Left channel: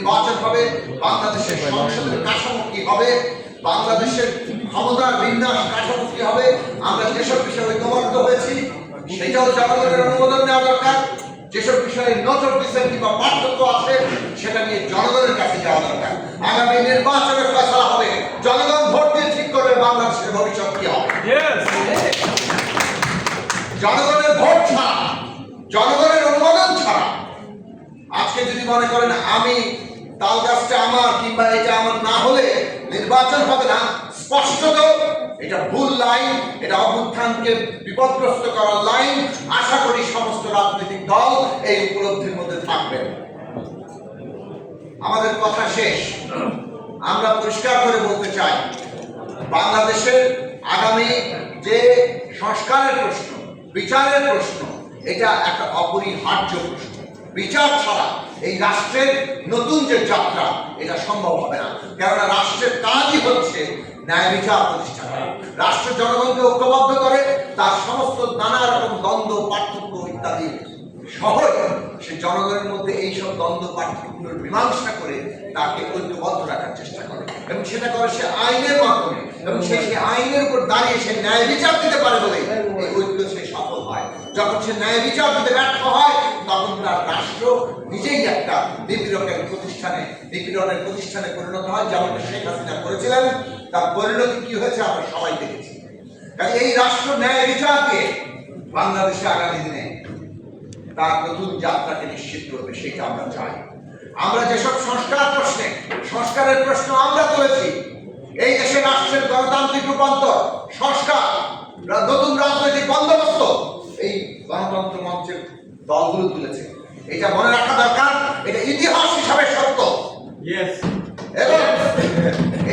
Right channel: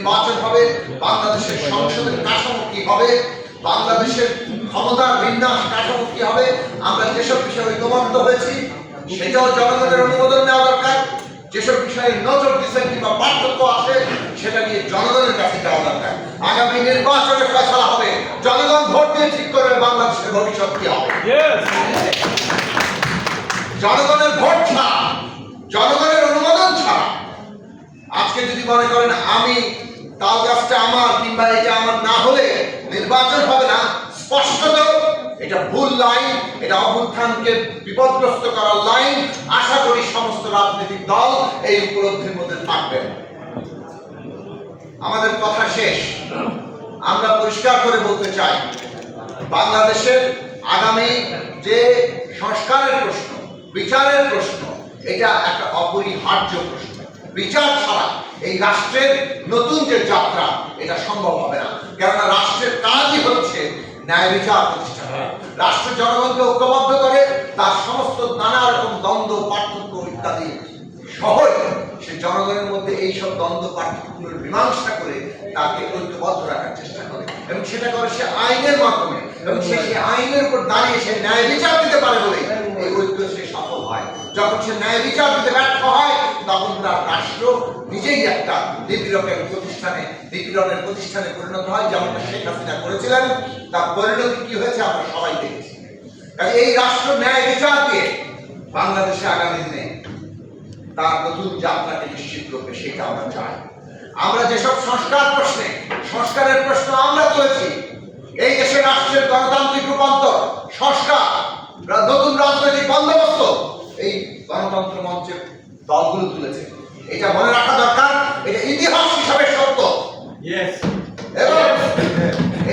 নির্বাচন হবে, বাংলাদেশের সংসদের কাঠামো কি হবে, বাংলাদেশের ক্ষমতার বিন্যাস কাঠামো কি হবে, আমরা যেসব বিষয়ে ঐকমত্য হয়েছি সেটাও জনগণের অনুমোদন নেওয়া দরকার। যেসব বিষয়ে নজর দিচ্ছেন কিংবা পার্থক্য আছে সেটা নিয়ে জনগণের কাছে যাওয়া দরকার। আগামী নির্বাচনে ফয়সালা হবে, জনগণ ভোট দিয়ে ঠিক করবে বাংলাদেশের ভবিষ্যৎ কি হবে। জনগণের ভোট ছাড়া, জনগণের অনুমোদন ছাড়া আজকে যদি মনে করেন আমি তাল গাছটা আমার কিংবা এটা আমার না হলে নির্বাচন হবে না, স্পষ্টত এটা ভুল লাইন, এটা অভ্যুত্থানকে বিপদগ্রস্ত করার লাইন। আশা করি সমস্ত রাজনৈতিক দল এই উপলব্ধির মধ্যে থাকবেন। আমাদের কথা শেষ, আমরা পরিষ্কার করে বলতে চাই বাংলাদেশের আগামী যে সংস্কারের প্রশ্ন, বিচারের প্রশ্ন, এটা একটা অপরিহার্য প্রশ্ন। বিচার ছাড়া এই রাষ্ট্রের নতুন যে যাত্রা এটা সম্ভব হবে না। কেননা রাষ্ট্রের কাজই হচ্ছে ন্যায় বিচার প্রতিষ্ঠা করা। রাষ্ট্র জনগণকে ঐক্যবদ্ধ করে, তার সমস্ত নানা রকম দ্বন্দ্ব, পার্থক্য ইত্যাদি সহই সে জনগণের মধ্যে এইসব দ্বন্দ্ব পার্থক্যগুলোর মীমাংসা করে তাকে ঐক্যবদ্ধ রাখার চেষ্টা করে, এবং সেটা করে সে আইনের মাধ্যমে, এবং সে আইনের উপর দাঁড়িয়ে সে ন্যায় বিচার দিতে পারে বলে এই ঐক্য সে সফল হয়। যখন সে ন্যায় বিচার দিতে ব্যর্থ হয় তখন তার রাষ্ট্র নিজেই একটা নিপীড়নের প্রতিষ্ঠানে পরিণত হয়, যেমনটা শেখ হাসিনা করেছিলেন। তার পরিণতি কি হয়েছে আমরা সবাই দেখেছি। কাজে এই রাষ্ট্র ন্যায় বিচার দিয়ে বাংলাদেশে আগামী দিনে তার নতুন যাত্রাকে নিশ্চিত করবে, সেটা আমরা চাই। আমরা যেসব সংস্কারের প্রশ্ন আমরা তুলেছি, এই দেশের রাষ্ট্রের গণতান্ত্রিক রূপান্তর, সংস্কার, নতুন রাজনৈতিক বন্দোবস্ত, এই গণতন্ত্র মঞ্চের দলগুলো তুলেছে। এটা মনে রাখা দরকার, এটা ইতিহাস হিসাবে সত্য। এবং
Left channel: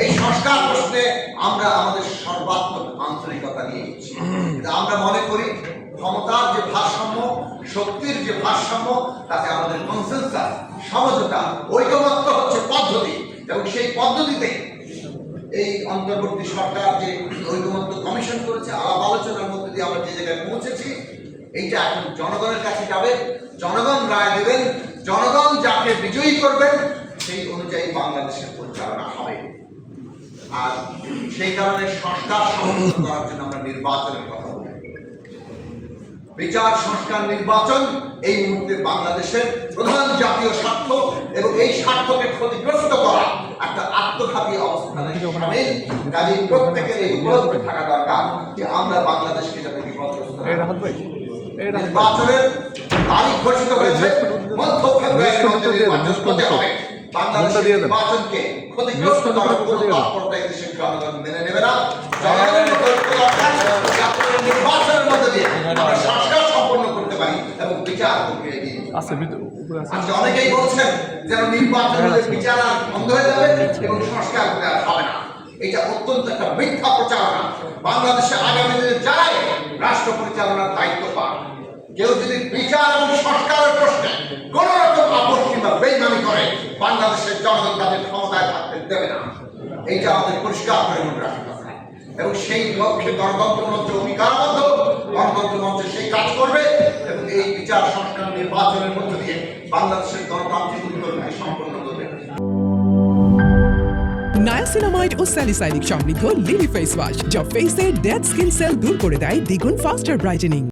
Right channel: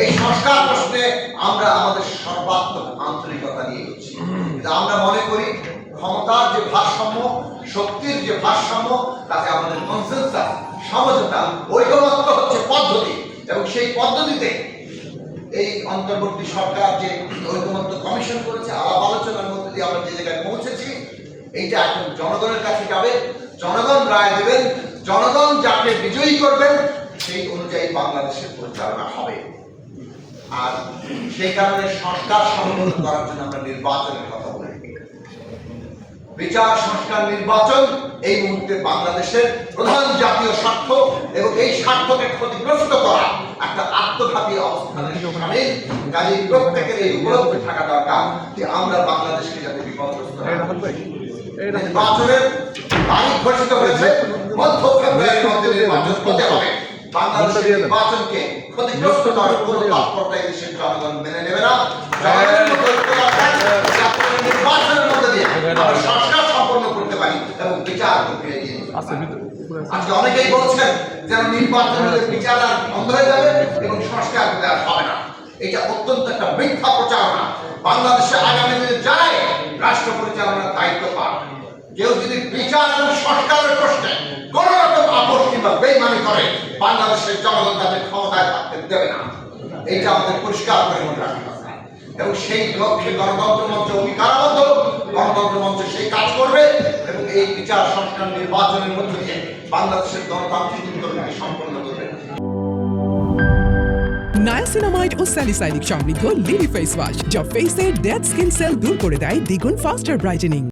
এই সংস্কার প্রশ্নে আমরা আমাদের সর্বাত্মক আন্তরিকতা নিয়ে এসেছি। আমরা মনে করি ক্ষমতার যে ভারসাম্য, শক্তির যে ভারসাম্য, তাতে আমাদের কনসেনসাস, সমঝোতা, ঐকমত্য হচ্ছে পদ্ধতি। এবং সেই পদ্ধতিতে এই অন্তর্বর্তী সরকার যে ঐকমত্য কমিশন করেছে, আলাপ আলোচনার মধ্যে দিয়ে আমরা যে জায়গায় পৌঁছেছি, এইটা এখন জনগণের কাছে যাবে। জনগণ রায় দেবেন, জনগণ যাকে বিজয়ী করবেন সেই অনুযায়ী বাংলাদেশের পরিচালনা হবে। আর সেই কারণে সংস্কার সম্পন্ন করার জন্য আমরা নির্বাচনের কথা বলি। বিচার, সংস্কার, নির্বাচন এই মুহূর্তে বাংলাদেশের প্রধান জাতীয় স্বার্থ, এবং এই স্বার্থকে ক্ষতিগ্রস্ত করা একটা আত্মঘাতী অবস্থানের সামিল। কাজেই প্রত্যেকের এই উপলব্ধি থাকা দরকার যে আমরা বাংলাদেশকে যাতে বিপদগ্রস্ত না করি। নির্বাচনের তারিখ ঘোষিত হয়েছে, মধ্য ফেব্রুয়ারির মধ্যে নির্বাচন হতে হবে। বাংলাদেশের নির্বাচনকে ক্ষতিগ্রস্ত করার কোনো তৎপরতা এই দেশের জনগণ মেনে নেবে না। জনগণের মধ্যে নির্বাচনের মধ্যে দিয়ে আমরা সংস্কার সম্পন্ন করতে পারি এবং বিচার প্রক্রিয়া এগিয়ে নিতে পারি। আজকে অনেকেই বলছেন যেন নির্বাচন হলে বিচার আর বন্ধ হয়ে যাবে এবং সংস্কার হলে আর হবে না। এটা অত্যন্ত একটা মিথ্যা প্রচারণা। বাংলাদেশে আগামী দিনে যারাই রাষ্ট্র পরিচালনার দায়িত্ব পান, কেউ যদি বিচার এবং সংস্কারের প্রশ্নে কোন রকম আপোষ কিংবা বেইমানি করে, বাংলাদেশের জনগণ তাদের ক্ষমতায় থাকতে দেবে না। এইটা আমাদের পরিষ্কার করে মনে রাখা দরকার। এবং সেই লক্ষ্যে গণতন্ত্র মঞ্চ অঙ্গীকারবদ্ধ, গণতন্ত্র মঞ্চ সেই কাজ করবে এবং এই বিচার, সংস্কার, নির্বাচনের মধ্য দিয়ে বাংলাদেশের গণতান্ত্রিক উত্তরণকে সম্পন্ন করবে। নায়াসিনামাইড ও স্যালিসাইলিক সমৃদ্ধ লিলি ফেস ওয়াশ, যা ফেসের ডেড স্কিন সেল দূর করে দেয় দ্বিগুণ ফাস্টার ব্রাইটেনিং।